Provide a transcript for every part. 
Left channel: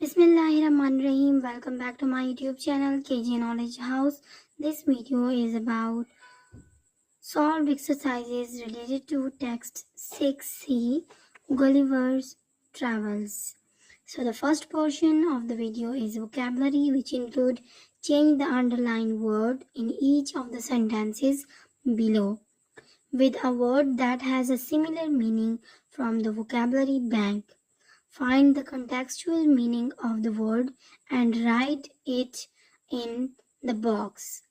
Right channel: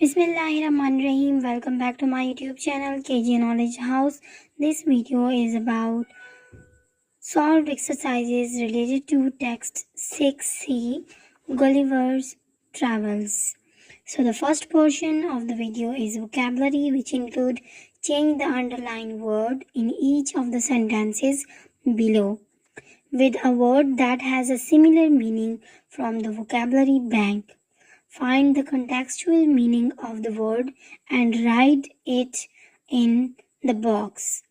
Bismillahirrahmanirrahim. Welcome back to my YouTube channel KG Knowledge House. This video is about solved exercises related to text 6C Gulliver's Travels. So the first portion of the video is vocabulary, which include change the underlined word in each of the sentences below with a word that has a similar meaning from the vocabulary bank. Find the contextual meaning of the word and write it in the box.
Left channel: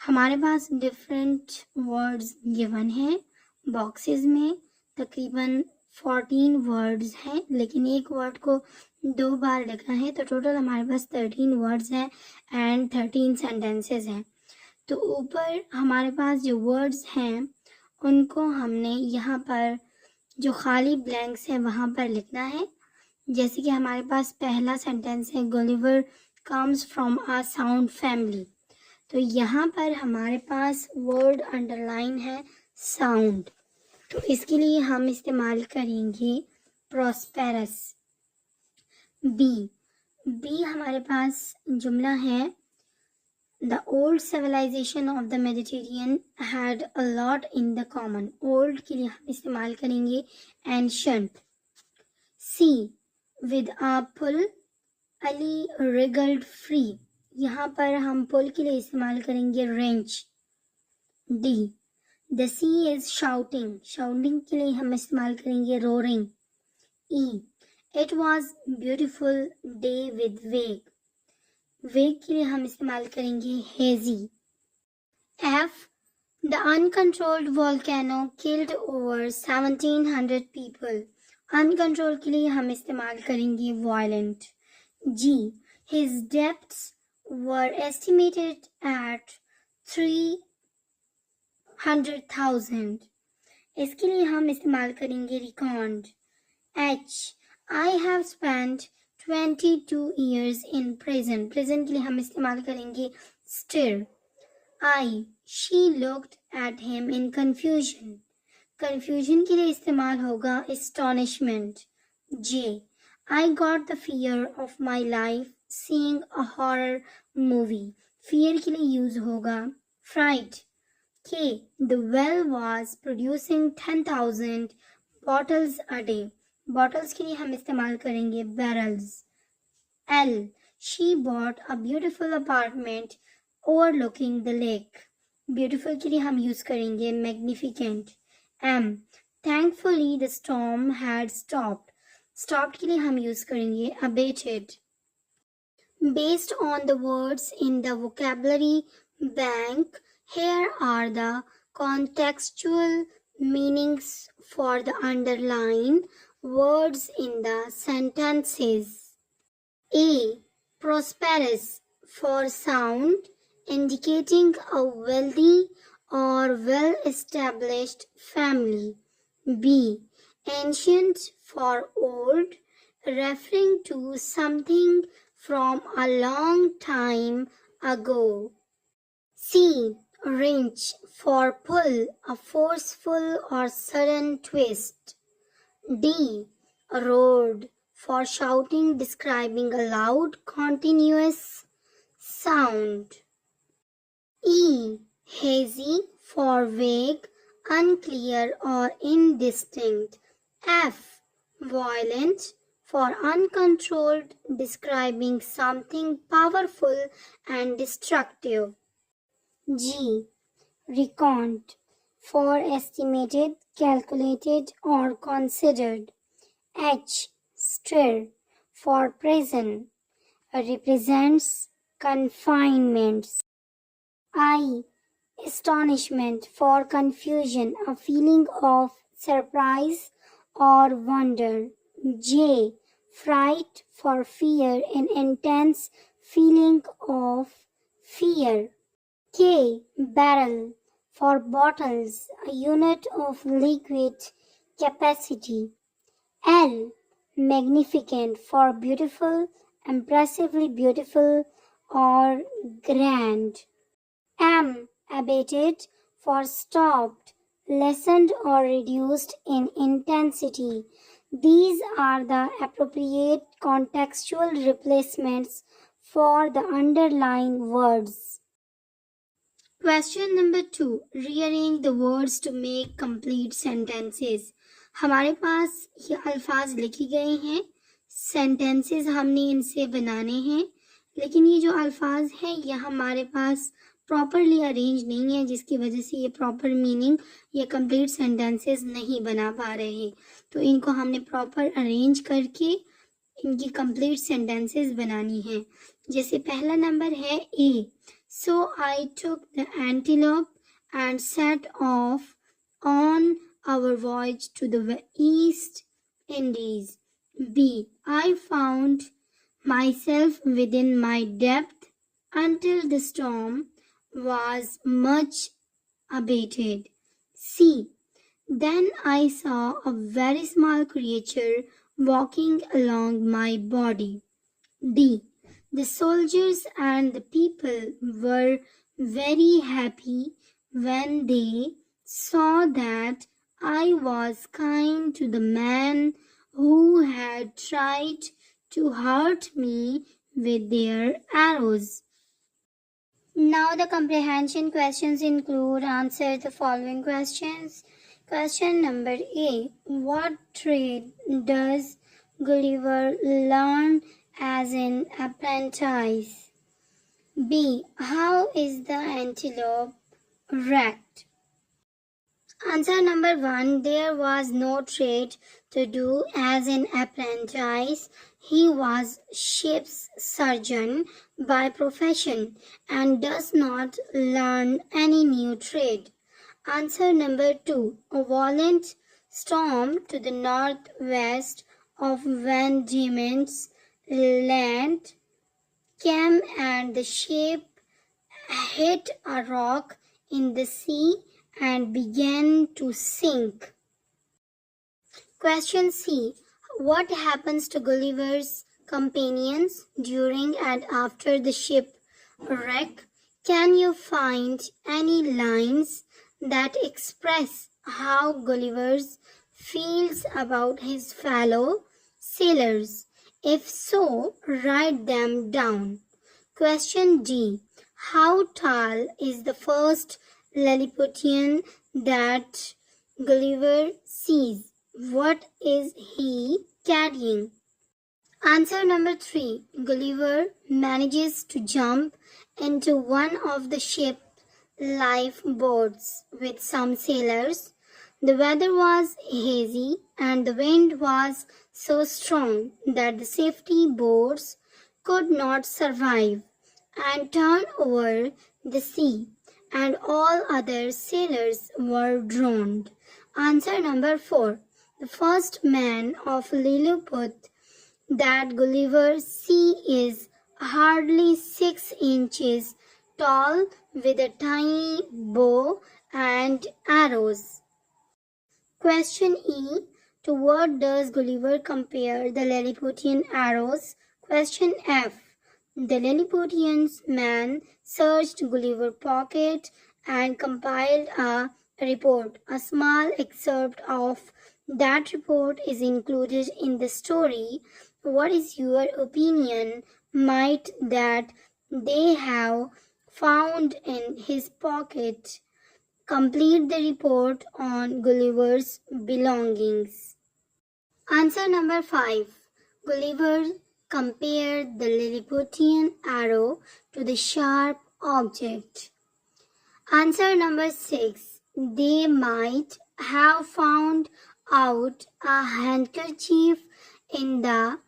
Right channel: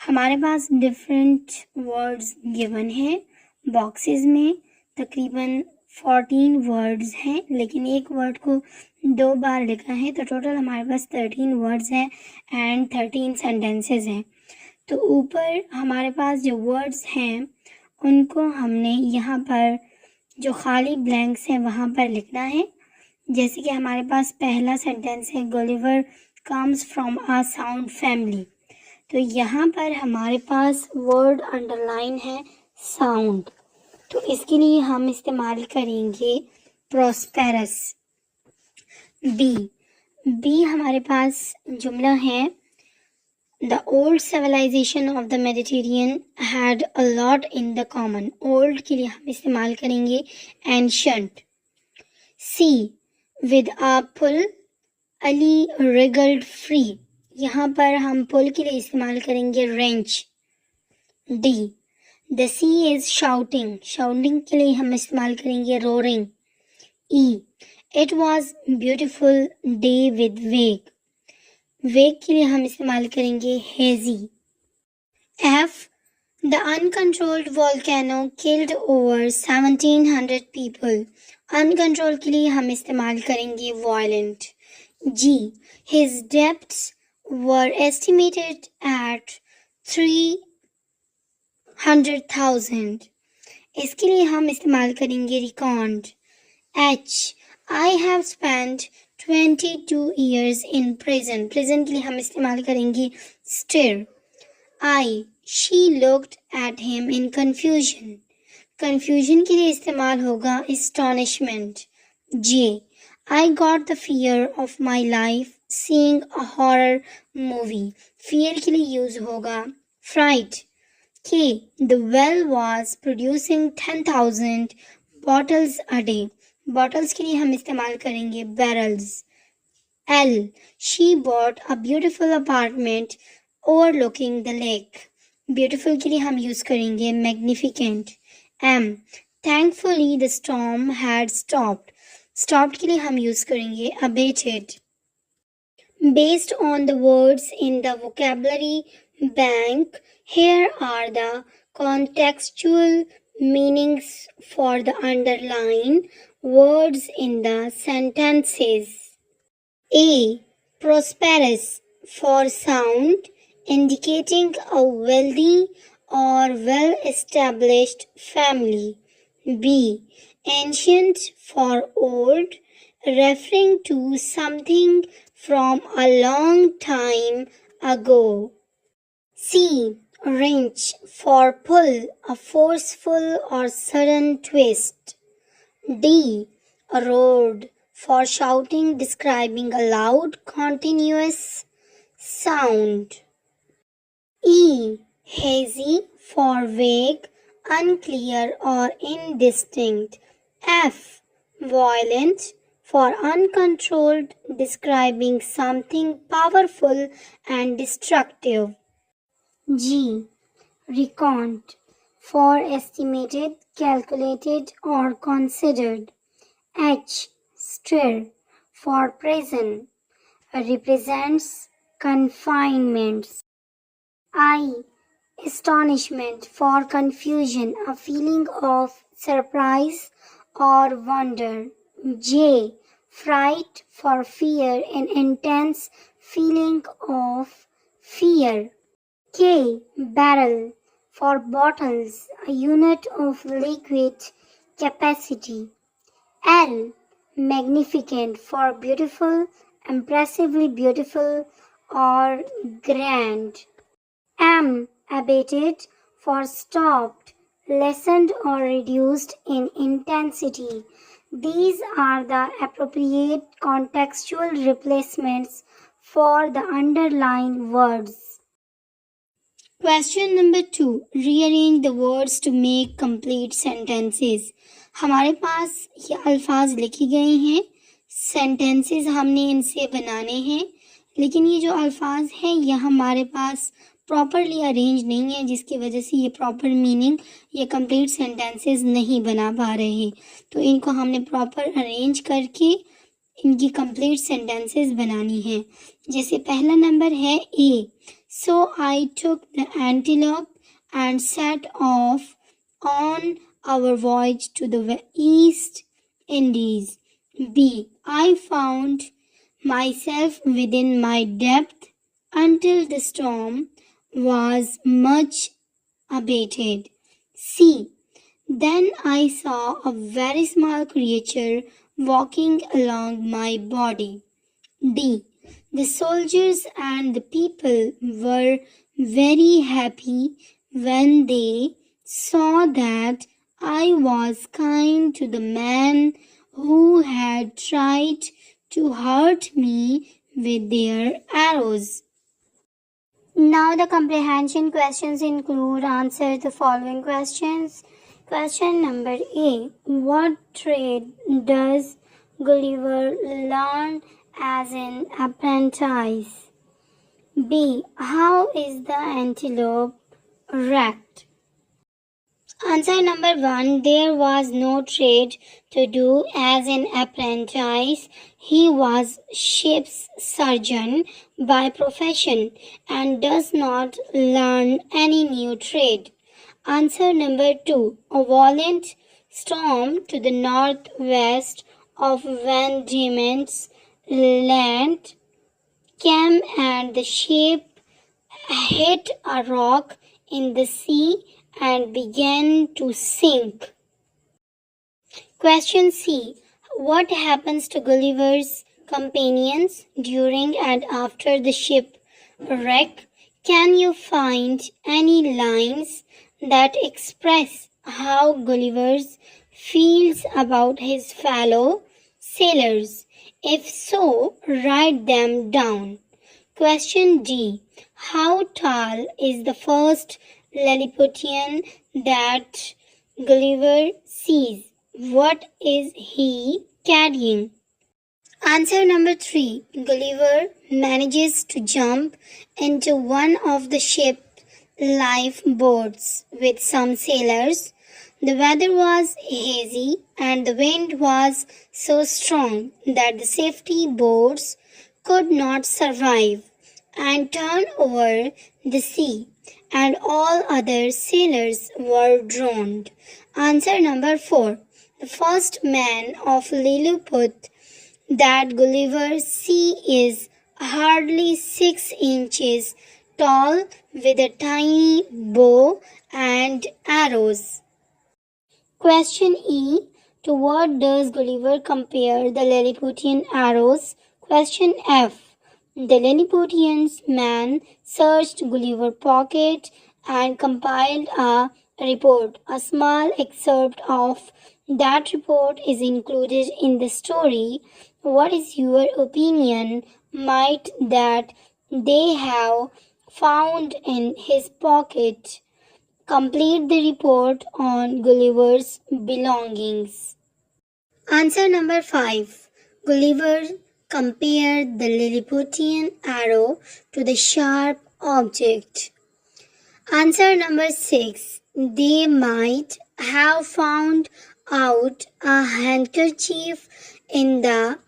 हमारे पास different words given है बॉक्सेस में तकरीबन 14 वर्ड्स हैं, लेकिन एक वर्ड को 2 बार लिखा है तो टोटल हमारे पास 13 वर्ड्स हैं एंड 13 सेंटेंसेस हैं। तो ऊपर हमारे पास जो वर्ड्स हैं उनको हमने यहाँ पर जो खाली ब्लैंक्स हैं वहाँ पर लिखना है। जैसे कि हमारे पास पहला सेंटेंस है Gulliver comes from a sound family, तो यहाँ पर हमारे पास वर्ड अंडरलाइन है साउंड, तो इसके लिए हम इस्तेमाल करेंगे प्रॉस्पेरस। बी हमारे पास जुमला है the old civilization of the Mediterranean had a lot in the common. Old के लिए हम इस्तेमाल करेंगे ancient. C with a pull Ali wriggled free, यहाँ पर हम पुल के लिए इस्तेमाल करेंगे wrench. D the sea is shouting, shouting के लिए हम इस्तेमाल करेंगे roaring. E it was beautiful day with vague, vague के लिए हम इस्तेमाल करेंगे hazy. F the uncontrolled volcano killed over 1700 people, uncontrol के लिए हम इस्तेमाल करेंगे violent. G his depths were estimated at 300,000, इसके लिए हम इस्तेमाल करेंगे record. H I have spent 22 years in prison, prison के लिए हम इस्तेमाल करेंगे stir. I she looked at him in confusion, confusion के लिए इस्तेमाल होगा astonishment। J I got the fear of my life seeing a horror movie, fear के लिए यूज होगा फ्राइट। के the well was producing 10,000 bottles a day, bottles के लिए हम इस्तेमाल करेंगे barrels. L she bought a beautiful apartment overlooking the lake, beautiful के लिए हम यूज करेंगे magnificent. M thankfully the storm had stopped, stopped के लिए हम यूज करेंगे abated। Based on the words in the vocabulary bank, here are the contextual meanings for the underlined words in the sentences. A prosperous for sound, indicating a wealthy or well-established family. B ancient for old, referring to something from a long time ago. C wrench for pull, a forceful or sudden twist. D roared for shouting, describing a loud continuous sound. E hazy for vague, unclear or indistinct. F violent for uncontrolled, describing something powerful and destructive. G reckoned for estimated, calculated or considered. H stir for prison, represents confinements. I astonishment for confusion, a feeling of surprise or wonder. J fright for fear, an intense feeling of fear. K barrel for bottles, a unit of liquid capacity. L magnificent for beautiful, impressively beautiful or grand. M abated for stopped, lessened or reduced in intensity, These are the appropriate contextual replacements for the underlying words. Question number 2. Rearrange the words to make complete sentences. हमारे पास ये अल्फाज लिखे गए हैं, सेंटेंसेस हमने इनसे बनाने हैं, लेकिन ये जो अल्फाज हैं ये हमारे पास प्रॉपरली अरेंज नहीं है, जिसकी वजह से ये प्रॉपर मीनिंग या कंप्लीट सेंटेंसेस नहीं बना पा रहे। तो इनको हमने प्रॉपर अरेंज करके इनकी कंप्लीट सेंटेंसेस बनानी है। जैसे पहला नंबर है A, so I took the antelope and set off on our voyage to the East Indies. B, I found myself within my depth until the storm was much abated. C, then I saw a very small creature walking along my body. D, the soldiers and the people were very happy when they saw that I was kind to the man who had tried to hurt me with their arrows. Now the comprehension questions include answer the following questions. Question number A. What trade does Gulliver learn as an apprentice? B. How is the antelope wrecked? Answer number 1. There was no trade to do as an apprentice. He was ship's surgeon by profession and does not learn any new trade. Answer number 2. A violent storm to the northwest of Van Diemen's Land came and the ship hit a rock in the sea and began to sink. Question C. What happens to Gulliver's companions during and after the shipwreck? Can you find any lines that express how Gulliver feels about his fellow sailors? If so, write them down. Question D. How tall is the first Lilliputian that Gulliver sees? What is he carrying? Answer number 3. Gulliver manages to jump into one of the ship's lifeboats with some sailors. The weather was hazy and the wind was so strong that the safety boats could not survive and turn over the sea, and all other sailors were drowned. Answer number 4. The first man of Lilliput that Gulliver sees is hardly 6 inches tall with a tiny bow and arrows. Question E. To what does Gulliver compare the Lilliputian arrows? Question F. The Lilliputian's man searched Gulliver's pocket and compiled a report. A small excerpt of that report is included in the story. What is your opinion? Might that they have found in his pocket? Complete the report on Gulliver's belongings. Answer number 5. Gulliver compared the Lilliputian arrow to the sharp object. Answer number 6. They might have found out a handkerchief in the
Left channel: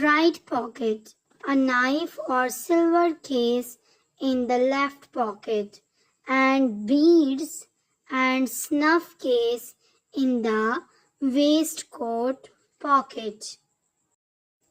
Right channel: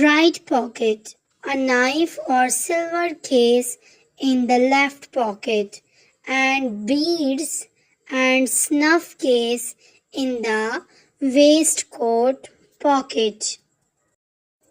right pocket, a knife or silver case in the left pocket, and beads and snuff case in the waistcoat pocket.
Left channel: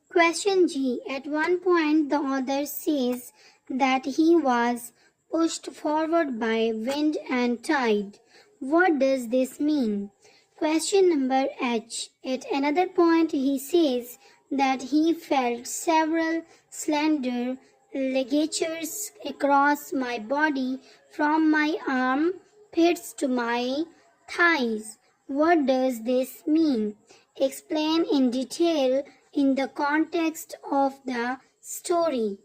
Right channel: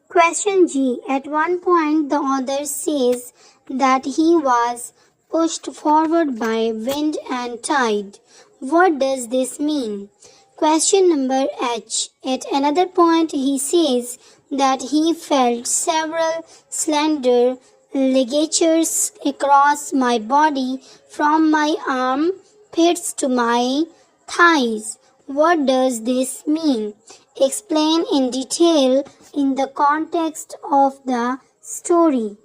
Question G. At one point, the author says that he was pushed forward by wind and tide. What does this mean? Question number H. At another point, he says that he felt several slender ligatures across my body from my armpits to my thighs. What does this mean? Explain in detail in the context of the story.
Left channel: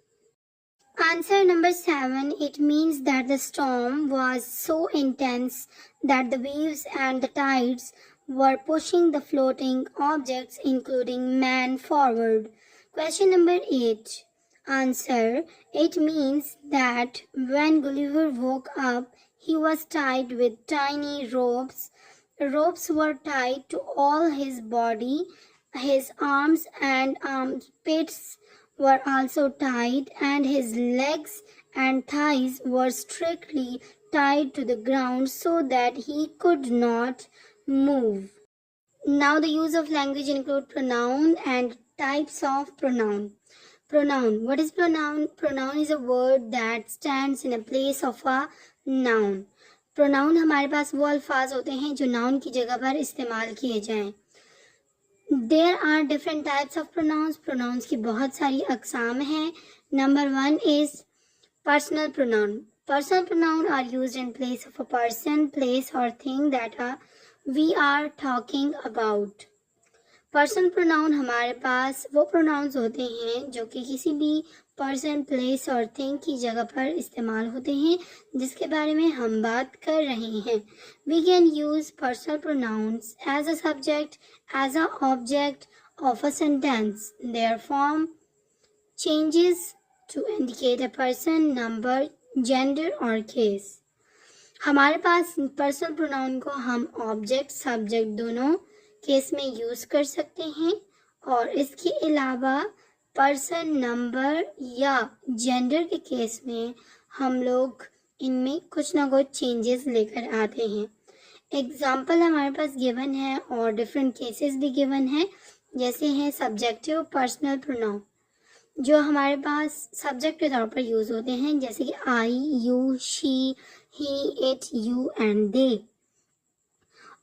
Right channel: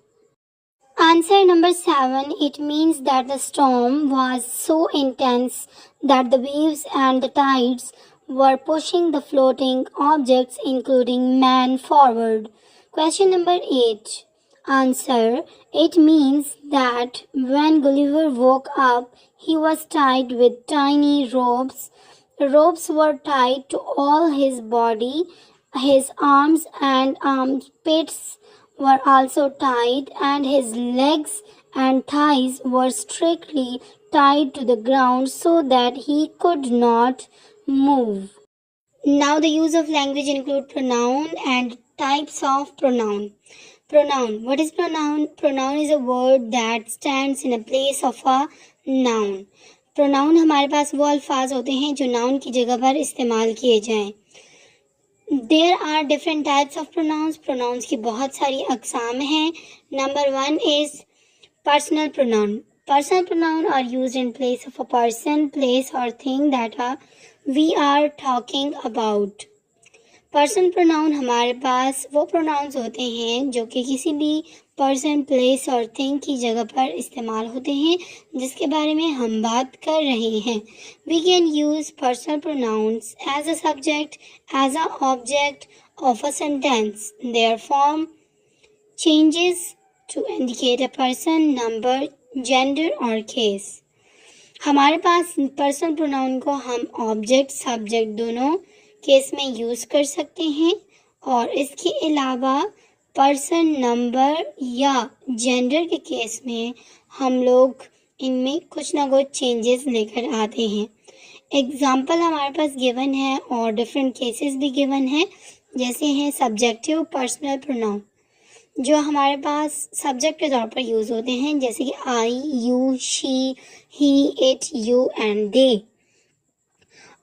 Answer number 7. It means that the storm was so intense that the waves and the tides were pushing the floating objects, including man, forward. Question number 8. Answer. It means that when Gulliver woke up, he was tied with tiny ropes. The ropes were tied to all his body, his arms and armpits were also tied, and his legs and thighs were strictly tied to the ground so that he could not move. Now the use of language include pronoun and types of pronoun. Pronoun. What is pronoun? Pronoun is a word that stands in a place of a noun. Pronoun हमारे पास वो अल्फाज होते हैं जो नाउन की जगह पर इस्तेमाल किए जाएं. There are different types of pronouns. Pronouns की बहुत सारी अकसाम हैं. Number 1 is personal pronoun. Personal pronoun are used in place of a person, place or thing that we are talking about. Person pronoun हमारे पास वो प्रोनाउंस होते हैं जो कि किसी भी पर्सन, प्लेस और थिंग की जगह पर इस्तेमाल होते हैं जिसके बारे में हम बात कर रहे हैं. We can use personal pronouns as a subject, as a object of a sentence. Their form changes to indicate a person, number, gender और केस. हमारे पास पर्सनल प्रोनाउन को हम ऑब्जेक्ट, सब्जेक्ट दोनों केस में यूज़ कर सकते हैं और इसके अलावा पर्सन, नंबर या जेंडर के केस में हम लोग इनमें कुछ ना कुछ चेंजेस लेकर आते हैं. एग्जाम्पल हमारे पास गिवन है और डिफरेंट केसेस भी गिवन है. जैसे हैं सब्जेक्टिव पर्सनल प्रोनाउन जो हमारे पास सब्जेक्ट के तौर पर यूज़ होते हैं, जैसे कि I, you, she, he, it, you and they.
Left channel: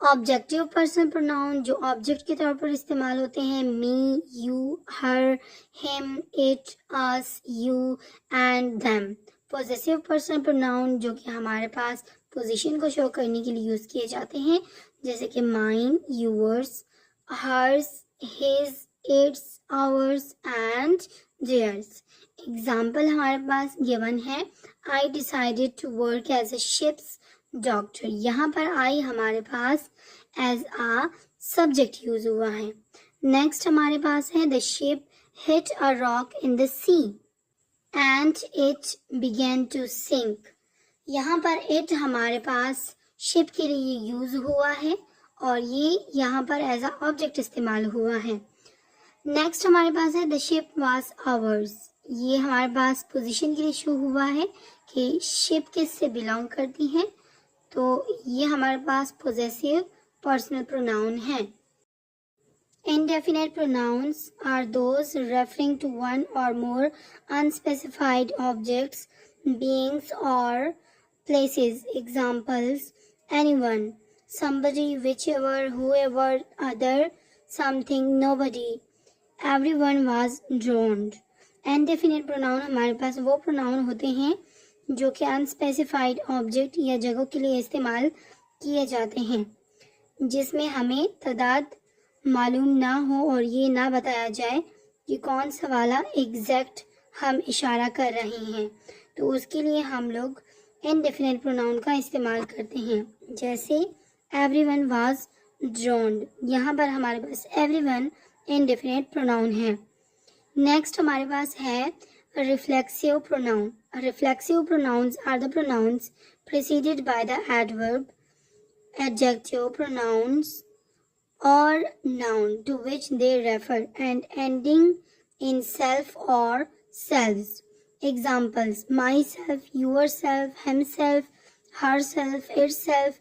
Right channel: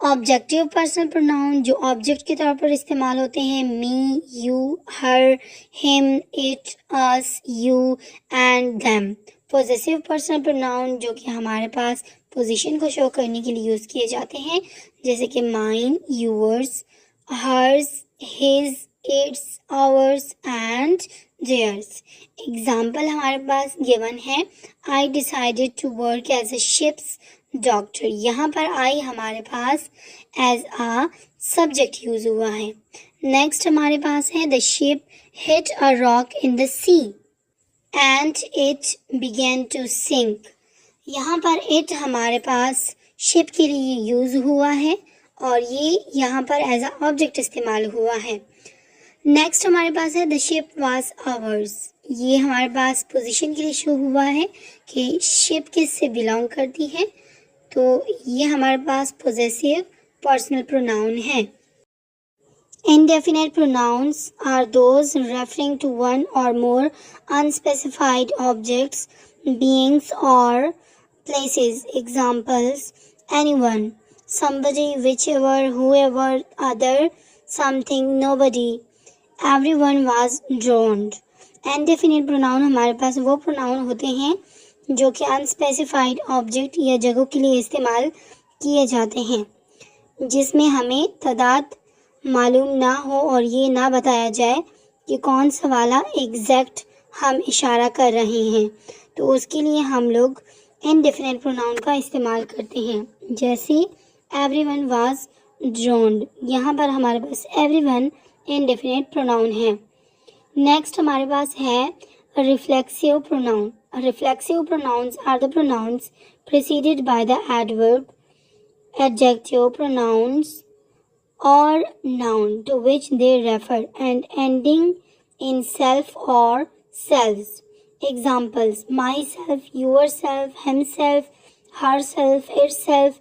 Objective personal pronoun जो ऑब्जेक्ट के तौर पर इस्तेमाल होते हैं, me, you, her, him, it, us, you and them. Possessive personal pronoun जो कि हमारे पास पोजीशन को शो करने के लिए यूज़ किए जाते हैं, जैसे कि mine, yours, hers, his, its, ours and theirs. Example हमारे पास गिवन है. I decided to work as a ship's doctor. यहाँ पर आई हमारे पास एज आ सब्जेक्ट यूज हुआ है. नेक्स्ट हमारे पास है the ship hit a rock in the sea and it began to sink. यहाँ पर इट हमारे पास शिप के लिए यूज हुआ है और ये यहाँ पर एज अ ऑब्जेक्ट इस्तेमाल हुआ है. नेक्स्ट हमारे पास है द शिप वाज आवर्स. ये हमारे पास पोजीशन के लिए शो हुआ है कि शिप किससे बिलोंग करती है, तो ये हमारे पास पोजेसिव पर्सनल प्रोनाउन है. Indefinite pronouns are those referring to one or more unspecified objects, beings or places. Examples: anyone, somebody, whichever, whoever, other, something, nobody. Everyone was drowned. Indefinite pronoun हमारे पास वो प्रोनाउन होते हैं जो कि अनस्पेसिफाइड ऑब्जेक्ट या जगहों के लिए इस्तेमाल किए जाते हैं, जिसमें हमें तादाद मालूम ना हो और ये ना बताया जाए कि कौन सा वाला एग्जैक्ट हम इशारा कर रहे हैं, तो उसके लिए हम लोग इनडेफिनेट प्रोनाउन का इस्तेमाल करते हैं. जैसे एवरीवन वाज ड्रोन्ड, यहाँ पर हमारे पास एवरीवन इनडेफिनेट प्रोनाउन है. नेक्स्ट हमारे पास है reflexive pronoun. Reflexive pronouns are the pronouns preceded by the adverb, adjective, pronouns or noun to which they refer and ending in self or selves. Examples: myself, yourself, himself, herself, itself,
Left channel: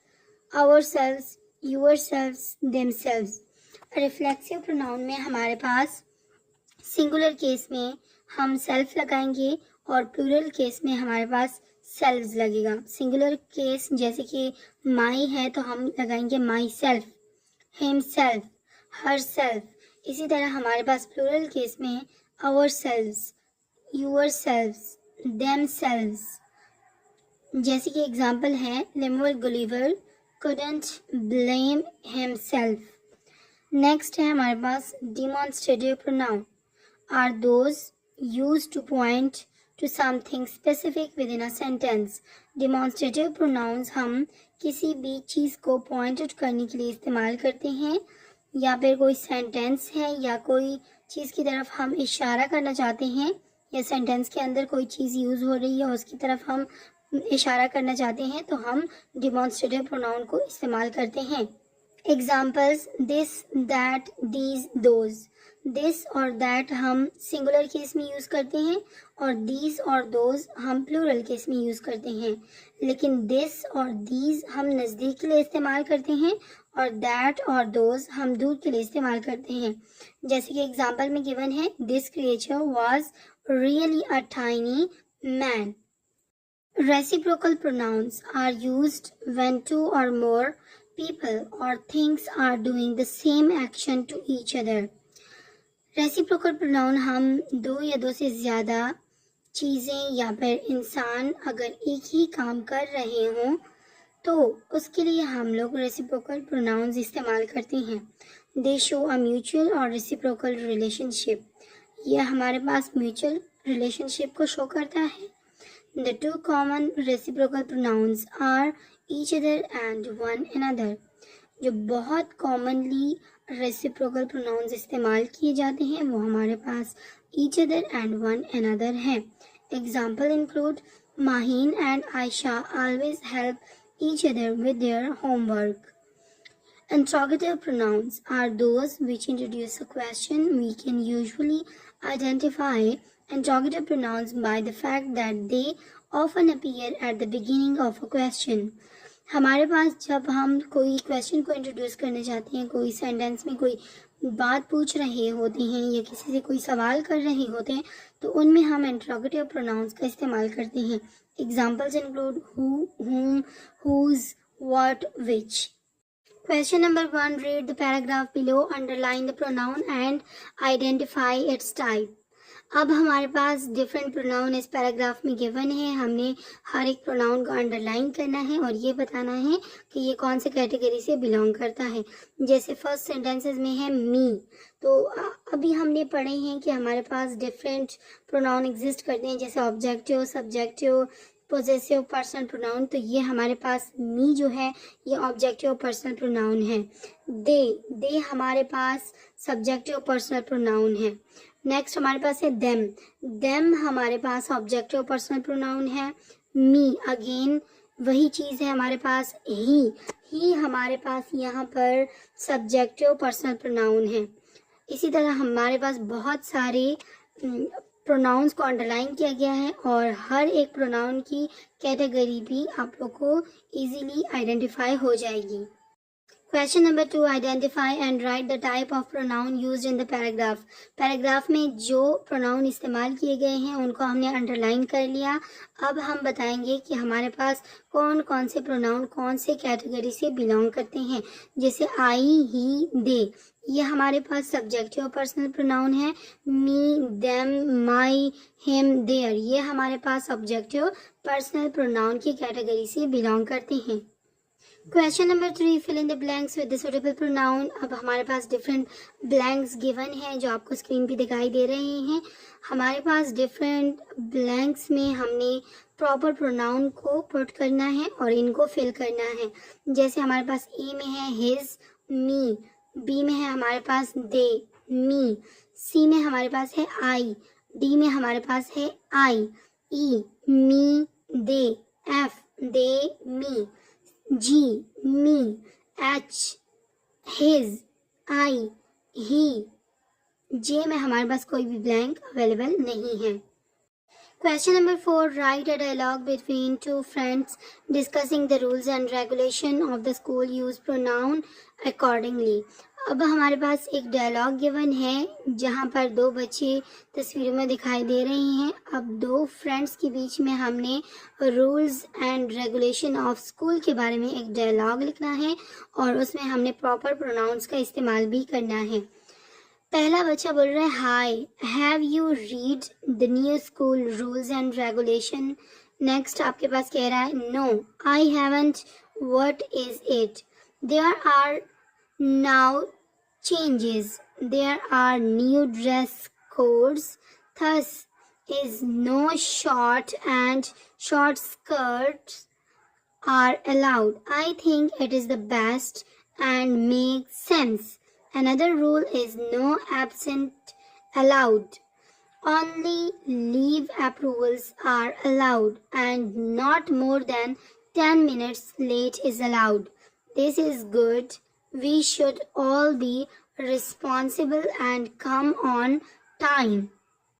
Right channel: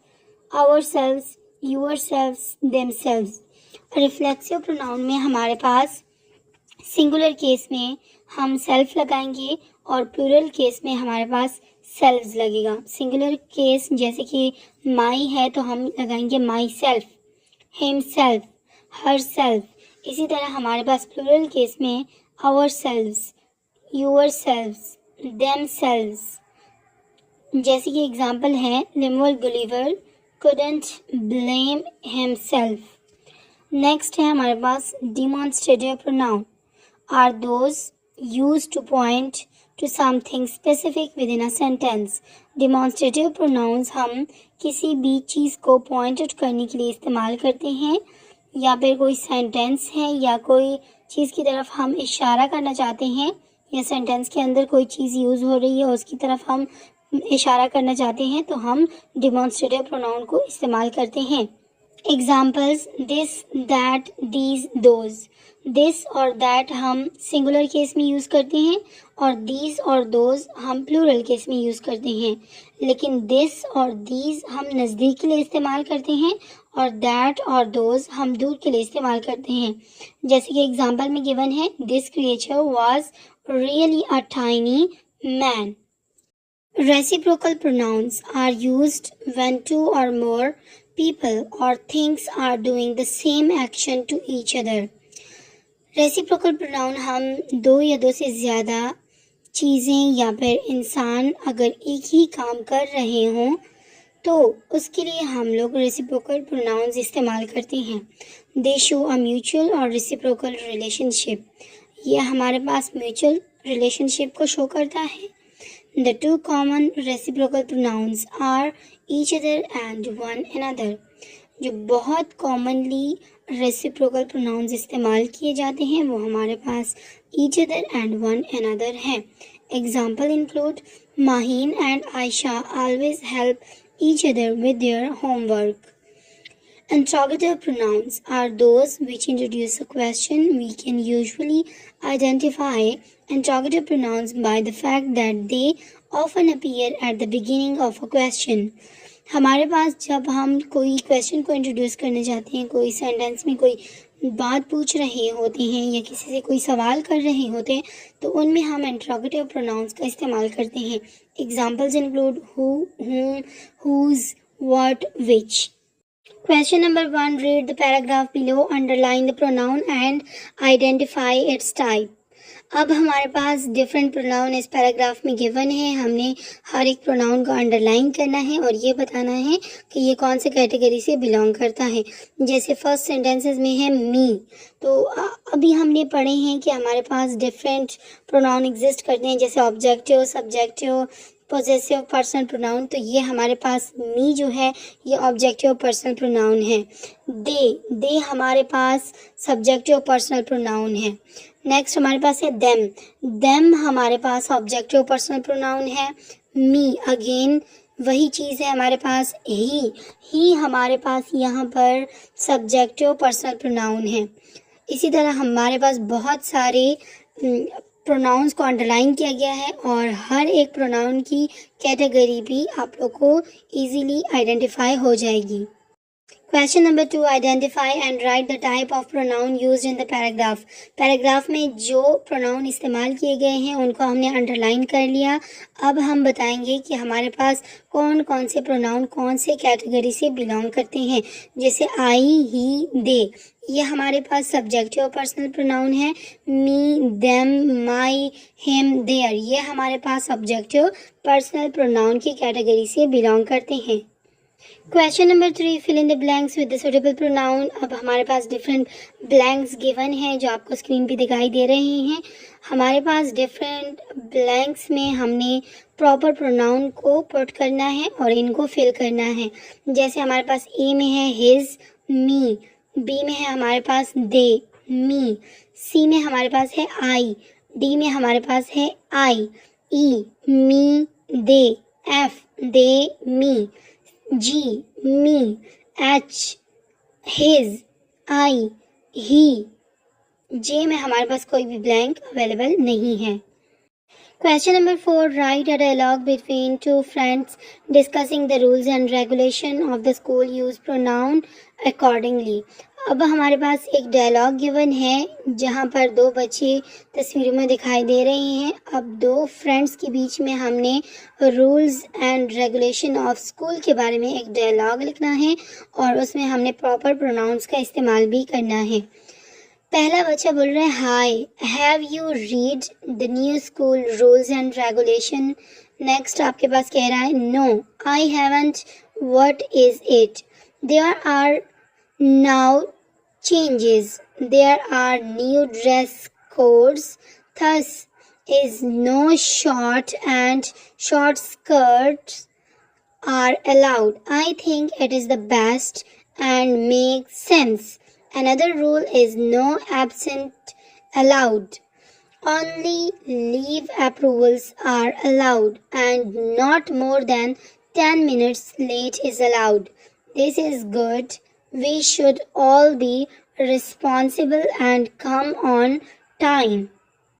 ourselves, yourselves, themselves. Reflexive pronoun में हमारे पास singular case में हम सेल्फ लगाएंगे और plural case में हमारे पास selves लगेगा. सिंगुलर केस जैसे कि माई है तो हम लगाएंगे myself, himself, herself. इसी तरह हमारे पास प्लूरल केस में ourselves, yourselves, themselves. जैसे कि एग्जाम्पल है, Lemuel Gulliver couldn't blame himself. Next है हमारे पास demonstrative pronoun are those used to point to something specific within a sentence. Demonstrative pronouns हम किसी भी चीज़ को पॉइंट आउट करने के लिए इस्तेमाल करते हैं, या फिर कोई सेंटेंस है या कोई चीज़ की तरफ हम इशारा करना चाहते हैं, या सेंटेंस के अंदर कोई चीज़ यूज़ हो रही है उसकी तरफ हम इशारा करना चाहते हैं, तो हम डिमॉन्स्ट्रेटिव प्रोनाउन को इस्तेमाल करते हैं। Examples this, that, these, those. This और दैट हम सिंगुलर केस में यूज़ करते हैं और दीज और दोज हम प्लूरल केस में यूज़ करते हैं, लेकिन दिस और दीज हम नज़दीक के लिए इस्तेमाल करते हैं और दैट और दोज हम दूर के लिए इस्तेमाल करते हैं। जैसे कि एग्जाम्पल में गिवन है, this creature was really a tiny man. Reciprocal pronouns are used when two or more people or things are doing the same action to each other. Reciprocal pronoun हम दो या दो से ज़्यादा चीज़ें या फिर इंसान अगर एक ही काम कर रहे हों तो उसके लिए हम लोग reciprocal pronouns इस्तेमाल करते हैं। They show a mutual or reciprocal relationship. यह हमारे पास mutual relationship को शो करता है। The two common reciprocal pronouns are each other and one another. जो बहुत commonly reciprocal pronouns इस्तेमाल किए जाते हैं वो हमारे पास each other and one another है। Example include Maheen and Aisha always help each other with their homework. Interrogative pronouns are those which introduce a question. We can usually identify interrogative pronouns by the fact that they often appear at the beginning of a question. हमारे पास जब हम कोई क्वेश्चन को इंट्रोड्यूस करना चाहते हैं, कोई सेंटेंस में कोई बात पूछ रहे होते हैं या किसी से कोई सवाल कर रहे होते हैं, तो उनमें हम इंट्रोगेटिव प्रोनाउंस का इस्तेमाल करते हैं। Examples include who, whom, whose, what, which. Question number 1. Read the paragraph below, underline the pronoun and identify its type. अब हमारे पास डिफरेंट प्रोनाउन इस पैराग्राफ में गिवन है। हमने हर एक प्रोनाउन को अंडरलाइन करना है और ये बताना है कि ये कौन से कैटेगरी से बिलोंग करता है। जैसे फर्स्ट सेंटेंसेस में है मी, तो अभी हमने पढ़े हैं कि हमारे पास डिफरेंट प्रोनाउन एग्जिस्ट करते हैं, जैसे objective, subjective, possessive, personal pronoun. तो ये हमारे पास मी जो है ये ऑब्जेक्टिव पर्सनल प्रोनाउन है। दे हमारे पास सब्जेक्टिव पर्सनल प्रोनाउन है। नेक्स्ट हमारे पास है देम हमारे पास ऑब्जेक्टिव पर्सनल प्रोनाउन है। मी अगेन वही चीज़ है हमारे पास। ही हमारे पास यहाँ पर सब्जेक्टिव पर्सनल प्रोनाउन है। इसी तरह हमारे पास बहुत सारे प्रोनाउंस को अंडरलाइन किया गया है और हर एक प्रोनाउन की कैटेगरी भी आप लोग को इजीली आइडेंटिफाई हो जाएगी। Question number 2. Identify and right the type of pronoun used in the paragraph. Paragraph में जो प्रोनाउन इस्तेमाल किए गए हैं उनको हमने अंडरलाइन कर लिया। अब हम बताएंगे कि हमारे पास कौन कौन से प्रोनाउन कौन से कैटेगरी से बिलोंग करते हैं। जैसे आई, ही, दे, ये हमारे पास सब्जेक्टिव पर्सनल प्रोनाउन है। Me, them, my, him, their, ये हमारे पास ऑब्जेक्टिव पर्सनल प्रोनाउन की कैटेगरी से बिलोंग करते हैं। Question number 3. Fill in the blanks with the suitable pronoun. अब हमारे पास डिफरेंट ब्लैंक्स गिवन है जो आपको स्क्रीन पे दिखाई दे रहे हैं। हमारे पास डिफरेंट ब्लैंक्स में हमने प्रॉपर प्रोनाउन को पुट करना है और इनको फिल करना है। जैसे हमारे पास ए में है हिज, मी, बी में है हमारे पास दे, मी, सी में हमारे पास है आई, डी में हमारे पास है आई, ई, मी, दे, एफ, दे, मी, जी, मी, एच, हिज, आई, ही, जे में हमारे पास कोई भी ब्लैंक अवेलेबल नहीं है। Question number 4. Write a dialogue between two friends discussing the rules and regulation of the school. Use pronoun accordingly. अब हमारे पास एक डायलॉग गिवन है जहाँ पर दो बच्चे तस्वीरों में दिखाई दे रहे हैं। अब दो फ्रेंड्स के बीच में हमने rules and regulation of school के बारे में एक डायलॉग लिखना है और उसमें हमने प्रॉपर प्रोनाउंस का इस्तेमाल भी करना है। पहला बच्चा बोल रहा है hi, have you read the new school rules and regulation. Next आपके पास कह रहा है no I haven't, what is it. There are now changes. There are new dress codes, thus is no short and short skirts are allowed. I think it is the best and makes sense. Another rule is no absent allowed. Only leave approvals are allowed and not more than 10 minutes late is allowed. This is good. We should all be responsible and come on time.